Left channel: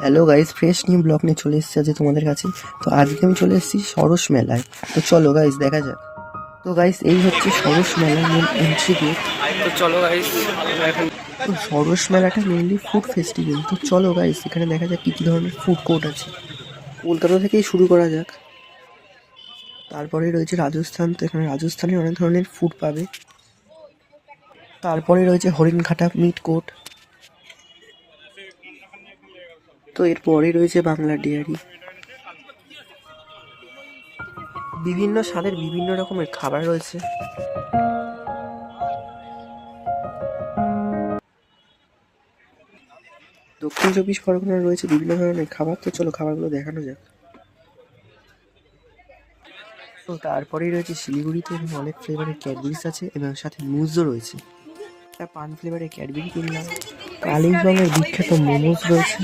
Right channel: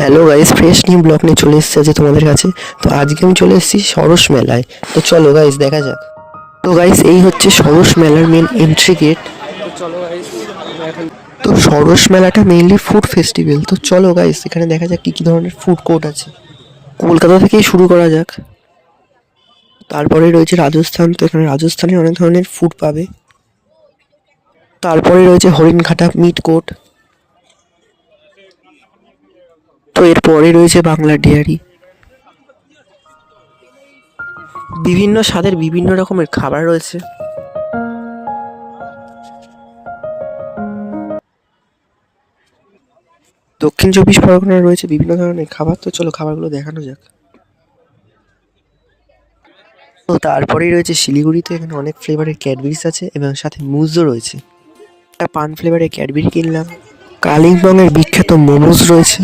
Hello guys fresh new blog নিয়ে চলে এসেছে আজকে তোমাদের কাছে। তো আজকে আমি চলে এসেছি সরস মেলায়। তো চলো গাইস দেখা যাক। তো গাইস এই হচ্ছে সরস মেলার মেন এন্ট্রি গেট তো চলো গাইস এখন তো সরস মেলাটা মেইনলি ফুড ফেস্টিভ্যাল তো চলো গাইস এখানে দেখা যাক কী কী ধরনের ফুড কোর্ট আছে। কলকাতা থেকেই শুরু করা যাক। তারপরে রয়েছে রাজস্থান তো এখানে রাজস্থানের অনেক ধরনের ফুড পাবে। তারপরে রয়েছে হরিণঘাটা মিট কোর্ট তো এরপরে রয়েছে বাংলা ডেয়ারি বিভিন্ন স্বাদের বিভিন্ন রকমের খাবার রয়েছে। দক্ষিণ চব্বিশ পরগনায় রয়েছে বিভিন্ন ধরনের খাবার। তো চলো খাবারগুলো দেখানো যাক। তো তারপরেই রয়েছে শিলিগুড়িতে এখানে অনেক ফ্লেভারের ক্যাডবেরিজ আছে এবং সাথে মুজও রয়েছে। একটা পান ফ্লেভারের ক্যাডবেরি কিনলাম। কালিম্পংয়ের বিখ্যাত মোমোজ রয়েছে।